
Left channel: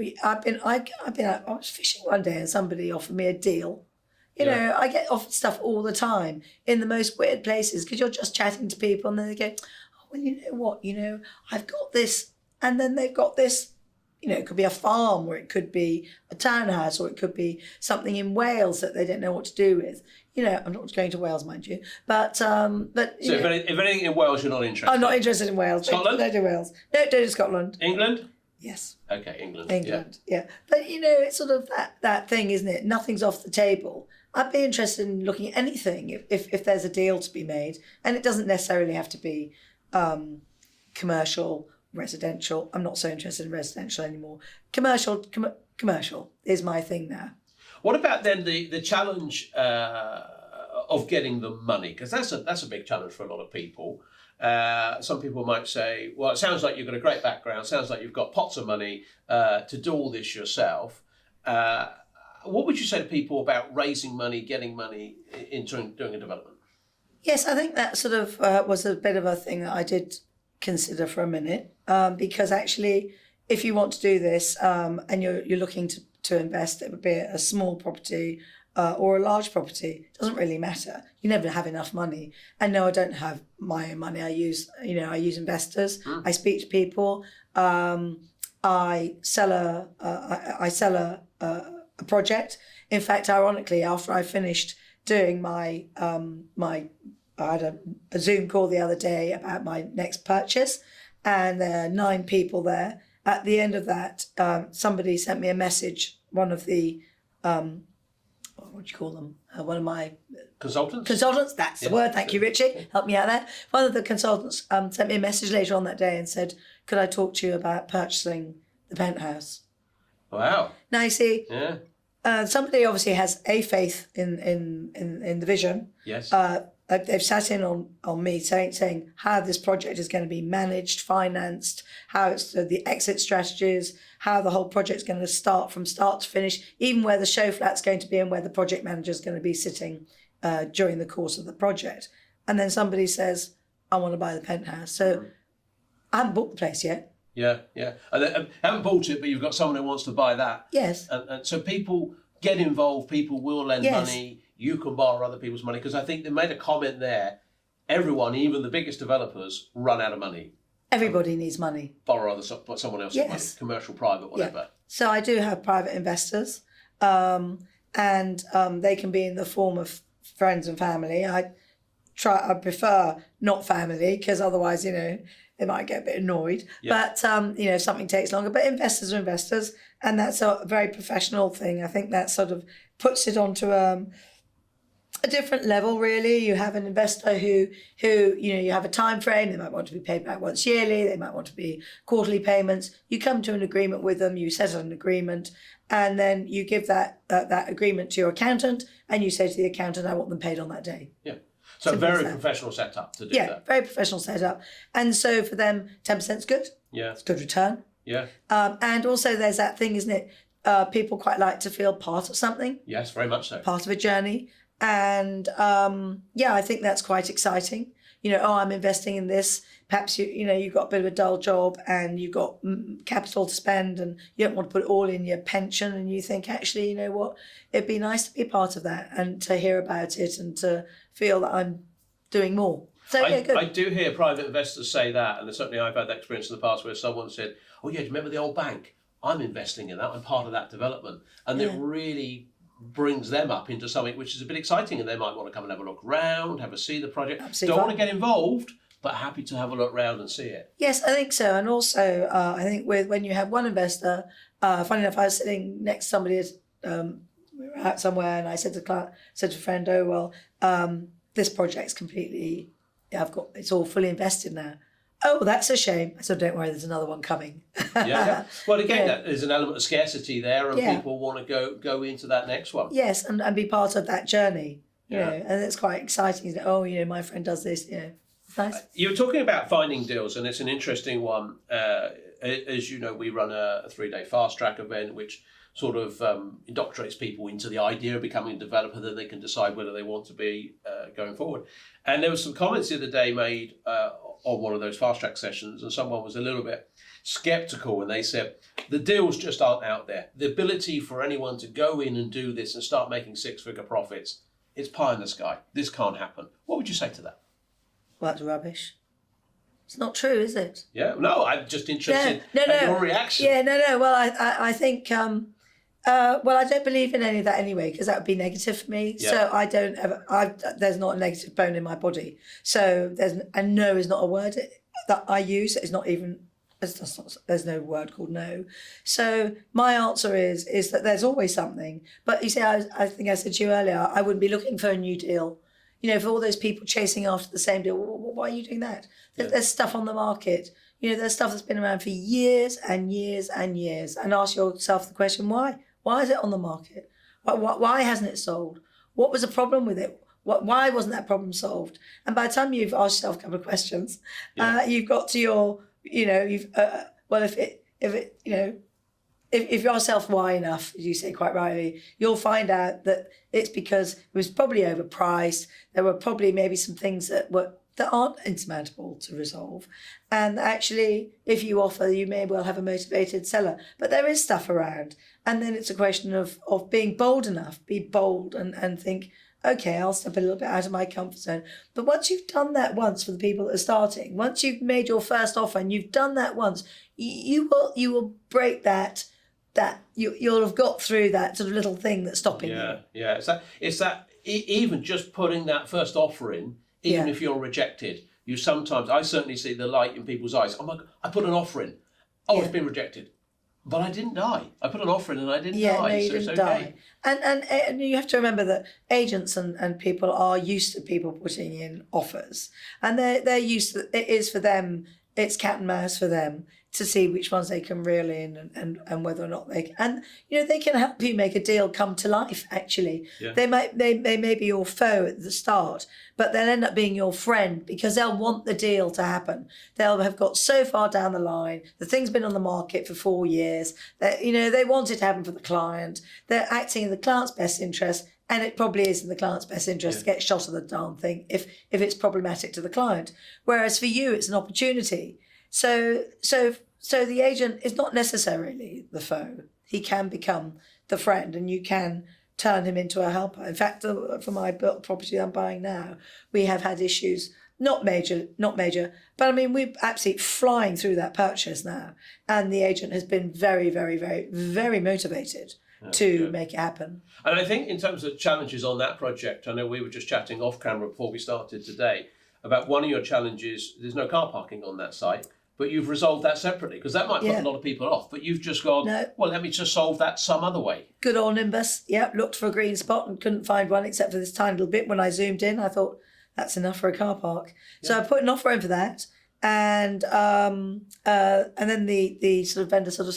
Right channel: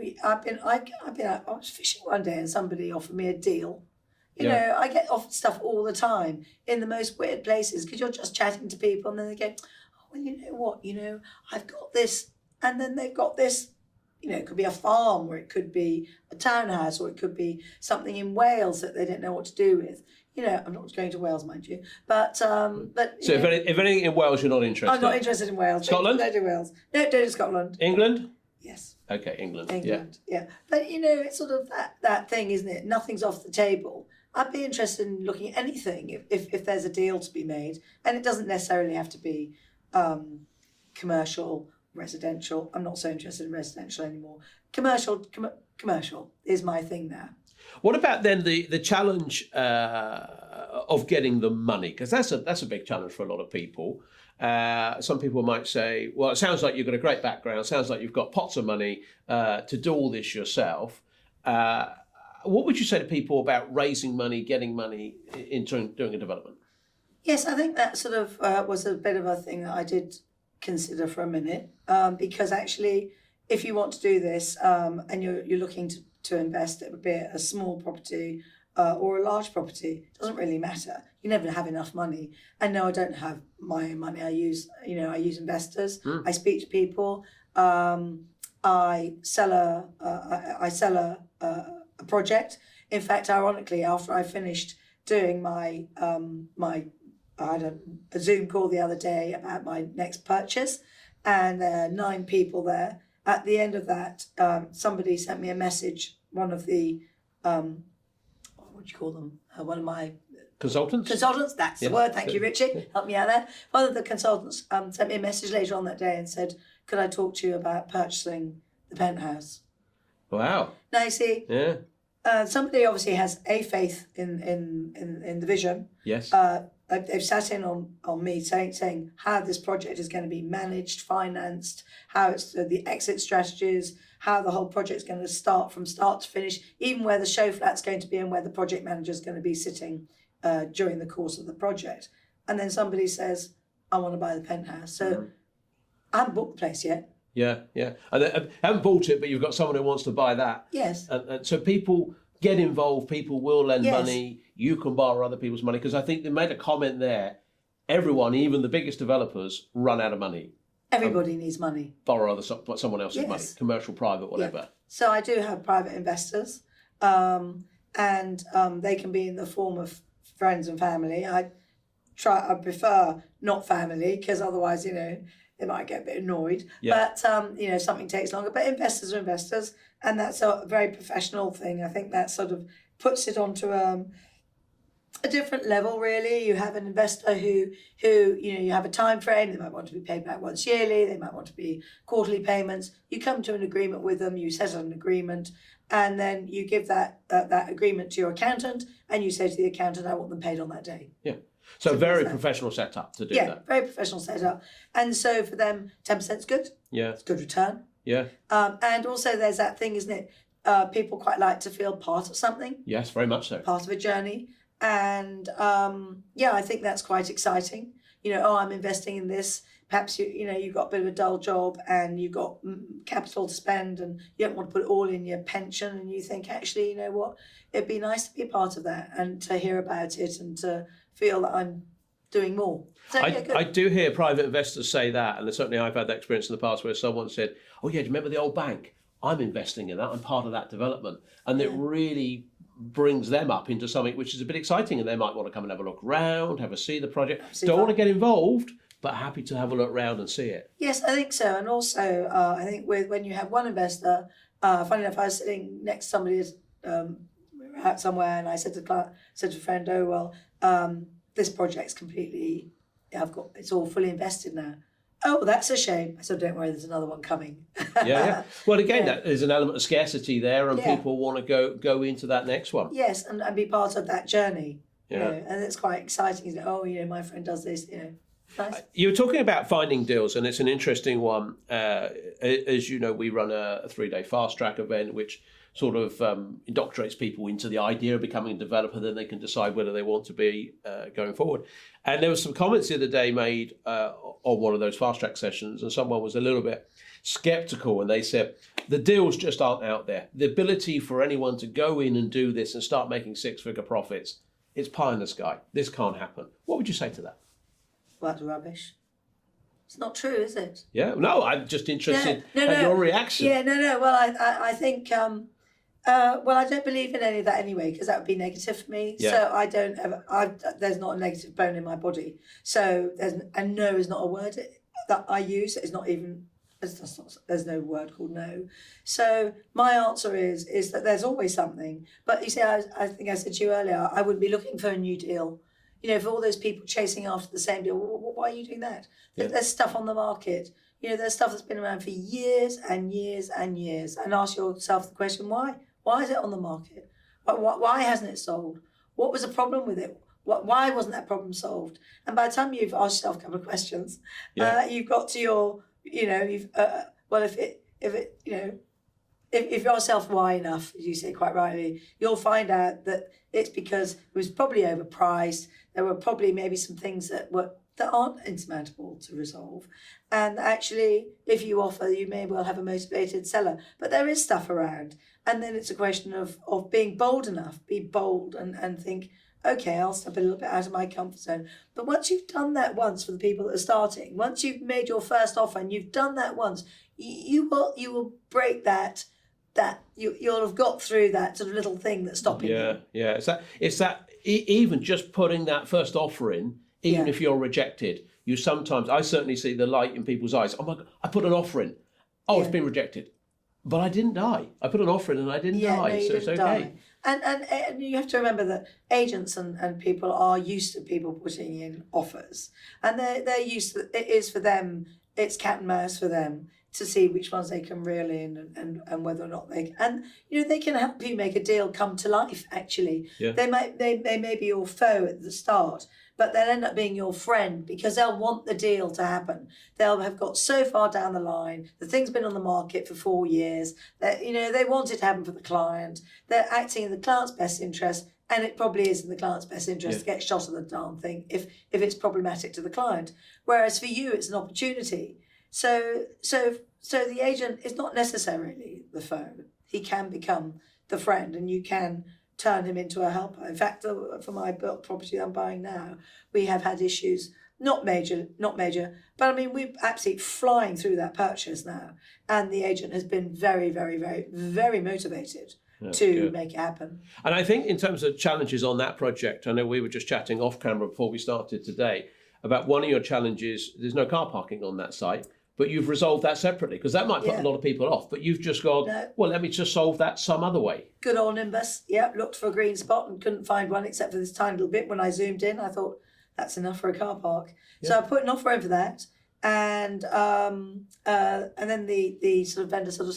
was fishing one day and somebody offered me a deal. I get offered stuff all the time in the most weird places because you're just chatting to people and then they go, oh, well, you know what, I've got this, and then they've got this. It could be a farm, or it could be a townhouse, or it could be something in Wales that they don't know what to do with. I'm not going to Wales, mind you, but so if anything in Wales, you're not interested. I'm not interested in Wales. Scotland? Don't do Wales. No, don't do Scotland. England? Yes. Okay, England. Yeah. But it's sort of that thing, isn't it? Nothing's off the table. I'd be interested in looking at anything if there's a deal to be made, and it doesn't necessarily have to be commercial. Residential. I'm not so interested in residential anymore. Commercial is my thing now. What about then the challenge of getting the money? Because that's a big challenge for a lot of people. Some people might say, well, it sounds like you've got a great background. It sounds like you've got pots of money to do all this yourself. What would you say to people about raising money, getting money into doing a development? Yes, I think that sort of was a bit of a thing that I did consider for a minute, because actually if you want to do this and you're looking to invest, it would be a small property or a large property. It doesn't really matter. You never have enough money. And no, I don't have my own money. I use investors. I speak to people. I sell a project. In fact, ironically, after I finished doing my I had a Zoom call the other day about my next purchase, and there are 9 people there. At the end of that, somebody sent me a message. One of the, what do you call them? One of my consultants. That's the word. Thank you, Ritchie. Help me out there. One of the consultants sent me a message later on that day and said, "Could I talk to you about purchasing the penthouse?" Wow. Now you see. Yeah. Somebody obviously has a faith in the vision. Yes. They've sat in on me saying how this project is going to be managed, financed, how it's the exit strategies, how the whole project is going to start from start to finish, even where the show flat's going to be and where the project manager is going to be sitting during the course of the project. And then somebody says, I want to buy the penthouse. So I haven't bought the place yet. Yeah. And I haven't bought it, but you've got someone who wants to buy that. Yes. And so people get involved, people will lend money, you can borrow other people's money, because I think they made a comment there, everyone, even the biggest developers, run out of money. Everybody needs money. Borrow someone else's money, commercial, private, whatever. Yeah. So I do have private investors, and they can be in the form of friends and family. I prefer not family, because otherwise, they might get a bit annoyed. Yeah. But, something takes longer. But investors are investors, and that's a very professional thing. I think that sort of puts it onto a different level, really. You have an investor who you have a time frame. They might want to be paid back once yearly. They might want to be quarterly payments. You come to an agreement with them. You settle an agreement, and then you give that agreement to your accountant, and you say to the accountant, I want them paid on that day. Yeah. So very professional setup to do that. Yeah, very professional setup. And so for them, 10% is good. Yeah. It's good return. Yeah. And also there's that thing, isn't it? People quite like to feel part of something. Yes, very much so. Part of a journey. And I think that's quite exciting. I'm investing in this. Perhaps you've got a bit of a dull job and you've got capital to spend and you don't want to put it all in your pension, and you think, actually, you know what, it'd be nice to be part of that and to hear about it and to feel that I'm doing more. So good. I do hear private investors say that, and certainly I've had that experience in the past where someone said, oh yeah, do you remember the old bank? I'm investing in that, I'm part of that development. And it really brings them up into something which is a bit exciting, and they might want to come and have a look around, have a see the project. Absolutely Don't fine. want to get involved, but happy to have a look around and see it. Yes, I think so. And also, I think when you have one investor, funny enough, I was sitting next to somebody, we were out somewhere, and I said to the client, said to a friend, "Oh well, this project's completely, it's all fully invested now." "Oh, that's a shame." I said, "Don't worry, there's another one coming." Yeah. Well, again, Yeah. there's an element of scarcity there, and Yeah. people want to go into that next one. Yes, and be part of that journey. You Yeah. know, and it's quite exciting. You know, oh, you know, my friend does this. You know, nice. You were talking about finding deals, and it's an interesting one. As you know, we run a 3-day fast track event, which sort of indoctrinates people into the idea of becoming a developer. Then they can decide whether they want to be going forward. And there were some comments the other day made on one of those fast track sessions, and someone was a little bit skeptical, and they said the deals just aren't out there. The ability for anyone to go in and do this and start making 6-figure profits, it's pie in the sky. This can't happen. What would you say to that? Well, that's rubbish. It's not true, is it? Yeah, no, I'm just interested No, in your reaction. Yeah, no. Well, I think, well, I don't believe in any of that anyway, because that would be negative for me. Yeah. So I don't ever, there's not a negative bone in my body. So and no is not a word that I use. It's not even, there's no word called no. So my answer is that there's always something. But you see, I think I said to you earlier, I wouldn't be looking for a new deal. You know, for all those people chasing after the same deal, why are you doing that? Yeah. There's stuff on the market. You know, there's stuff that's been around for years and years and years. And ask yourself the question, why? Why is it on the market? Why hasn't it sold? What was the problem with it? Why wasn't that problem solved? And by the time you've asked yourself a couple of questions, you've got to your, you know, if you're self-why enough, as you say quite rightly, you'll find out that it's because it was probably overpriced. There were probably maybe some things that aren't insurmountable to resolve. And actually, if you offer, you may well have a motivated seller. But there is stuff around. And then it's a question of being bold enough, be bold and think, okay, I'll step a little bit out of my comfort zone. But once you've done that once for the people that are starting, once you've made your first offer and you've done that once, you will break that you'll have got through that sort of little thing that's stopping you. Yeah. It's that even just putting that first offer in, even if you're rejected, I certainly see the light in people's eyes. Oh my God, I put an offer in. Oh, it's been rejected. But I didn't die. I put an offer in and I didn't die. No, you so didn't it's okay. Die. And you have to remember that agents and people are used to people putting in offers. And they're used to it is for them, it's cat and mouse for them to see which ones they can reel in and whether or not they can. And you know, they can help you make a deal come to life, actually. Yeah. They may be your foe at the start, but they'll end up being your friend because they'll want the deal to happen. They'll have got so far down the line, the thing's been on the market for 4 years, that you know, they want it to happen for the client. They're acting in the client's best interest, and it probably is in the client's best interest to get shot of the darn thing if it's problematic to the client. Whereas for you, it's an opportunity. So the agent is not necessarily the foe. He can become the friend, and you can turn him into a helper. In fact, for my property I'm buying now, we have had issues, not major, but I mean, we're absolutely flying through that purchase now, and the agent has been very, very, very, very motivated to make it happen. And I think in terms of challenges on that project, I know we were just chatting off camera before we started today about one of your challenges. There's no car parking on that site. But you've resolved that separately, because that might put a lot of people off. But you've just gone, well, let me just solve that some other way. Good old Nimbus. Yep, looked for a green spot and couldn't find one except for this tiny little bit. When I zoomed in, I thought, that's enough for a car park. Yeah. So I put an offer in for that. And then the sort of vendor sort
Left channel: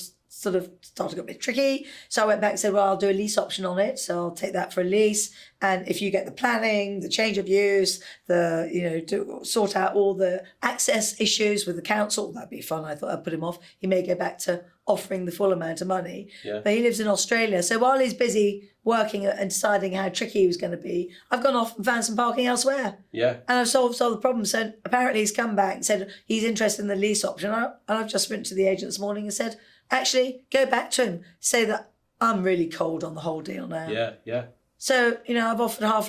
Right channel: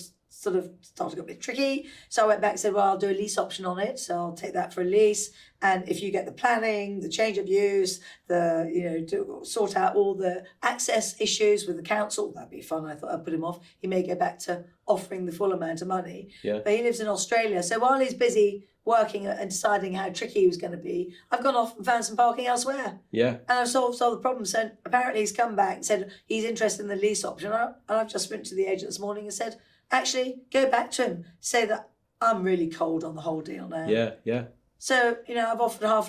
of started to get a bit tricky. So I went back and said, well, I'll do a lease option on it. So I'll take that for a lease. And if you get the planning, the change of use, to sort out all the access issues with the council, that'd be fun. I thought I'd put him off. He may go back to offering the full amount of money. Yeah. But he lives in Australia. So while he's busy working and deciding how tricky he was going to be, I've gone off and found some parking elsewhere. Yeah. And I've solved the problem. So apparently he's come back and said he's interested in the lease option. And I've just written to the agent this morning and said, actually, go back to him. Say that I'm really cold on the whole deal now. Yeah. So, I've offered half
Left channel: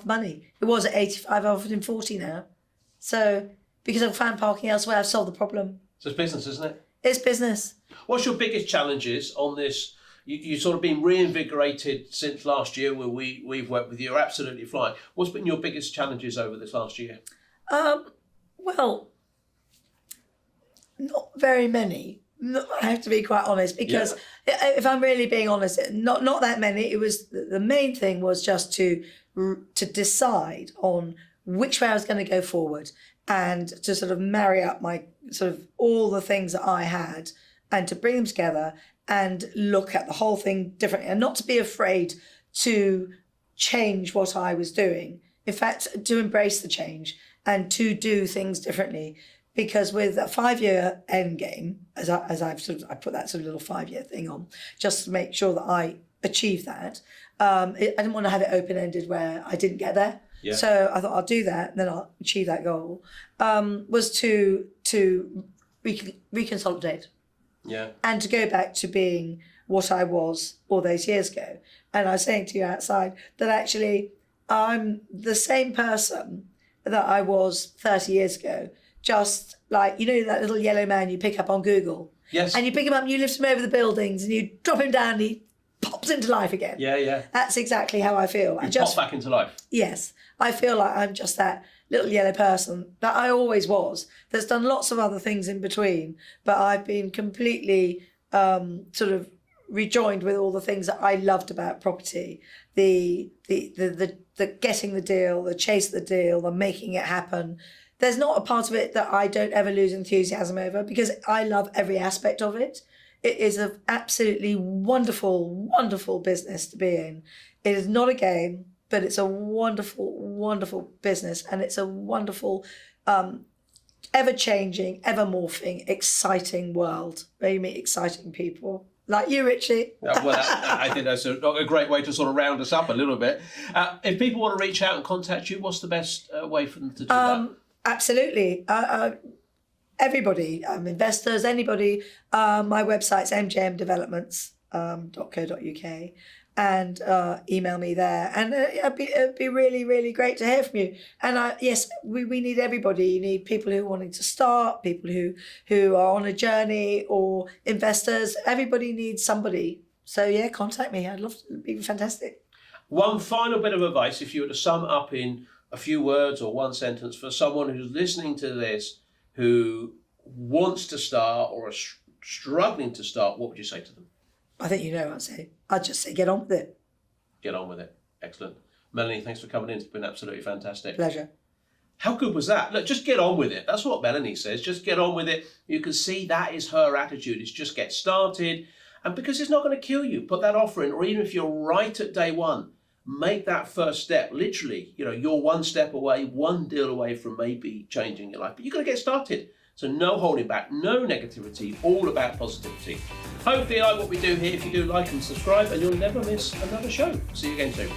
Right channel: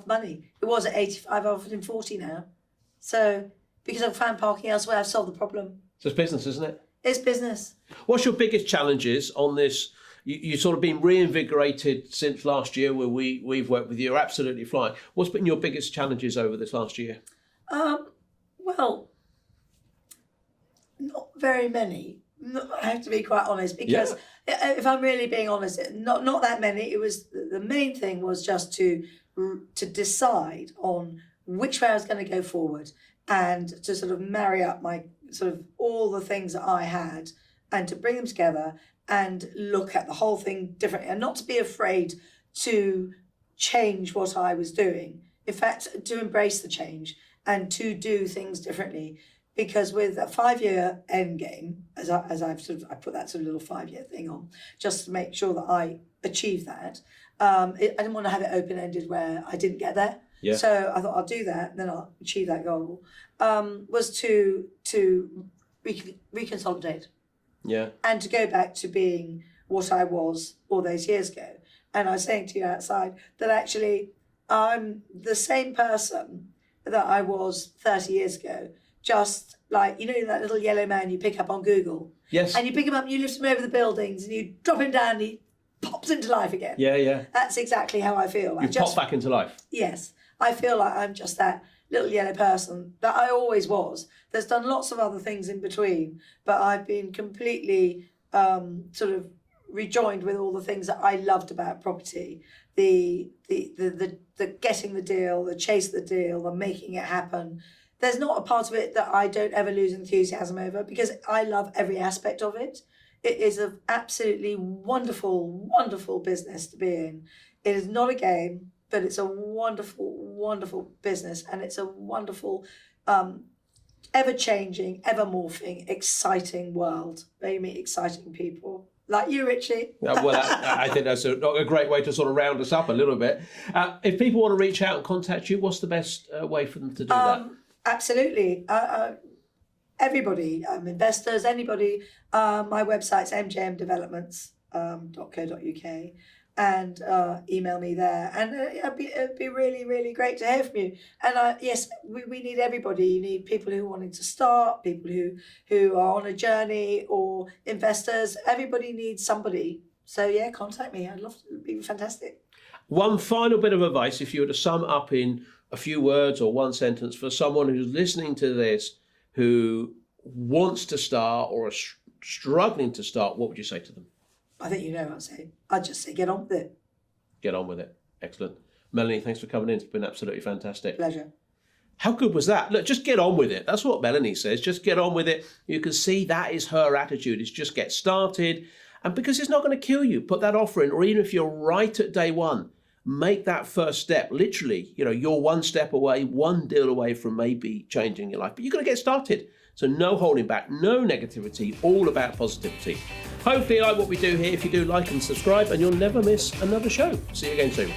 the money. It was at 85, I've offered him 40 now. So, because I've found parking elsewhere, I've solved the problem. So it's business, isn't it? It's business. What's your biggest challenges on this you sort of been reinvigorated since last year where we've worked with you. You're absolutely flying. What's been your biggest challenges over this last year? Well, not very many. I have to be quite honest, because if I'm really being honest, not that many. It was the main thing was just to decide on which way I was going to go forward, and to sort of marry up my sort of all the things that I had, and to bring them together and look at the whole thing differently, and not to be afraid to change what I was doing. In fact, to embrace the change and to do things differently. Because with a 5-year end game, I put that sort of little 5-year thing on, just to make sure that I achieve that. I didn't want to have it open-ended where I didn't get there. Yeah. So I thought I'll do that, and then I'll achieve that goal. Was to reconsolidate. Yeah. And to go back to being what I was all those years ago. And I was saying to you outside that actually I'm the same person that I was 30 years ago. Just like, that little yellow man you pick up on Google. Yes. And you pick him up and you lift him over the buildings and you drop him down and he pops into life again. Yeah, yeah. That's exactly how I feel. You pop back into life. Yes. I feel like I'm just that little yellow person that I always was, that's done lots of other things in between, but I've been completely sort of rejoined with all the things that I loved about property. The getting the deal, the chase the deal, the making it happen. There's not a part of it that I don't ever lose enthusiasm over, because I love every aspect of it. It is an absolutely wonderful, wonderful business to be in. It is not a game, but it's a wonderful, wonderful business, and it's a wonderful, ever-changing, ever-morphing, exciting world where you meet exciting people. Like you, Ritchie. Well, I think that's a great way to sort of round us up a little bit. If people want to reach out and contact you, what's the best way for them to do that? Absolutely. Everybody, investors, anybody. My website's mjmdevelopments.co.uk, and email me there. And it'd be really, really great to hear from you. And yes, we need everybody. You need people who are wanting to start, people who are on a journey, or investors. Everybody needs somebody. So yeah, contact me. I'd love to. It'd be fantastic. One final bit of advice, if you were to sum up in a few words or one sentence for someone who's listening to this, who wants to start or are struggling to start, what would you say to them? I think you know what I'd say. I'd just say get on with it. Get on with it. Excellent. Melanie, thanks for coming in. It's been absolutely fantastic. Pleasure. How good was that? Look, just get on with it. That's what Melanie says. Just get on with it. You can see that is her attitude. It's just get started. And because it's not going to kill you, put that offer in. Or even if you're right at day one, make that first step. Literally, you're one step away, one deal away from maybe changing your life. But you've got to get started. So no holding back, no negativity, all about positivity. Hopefully you like what we do here. If you do, like and subscribe, and you'll never miss another show. See you again soon.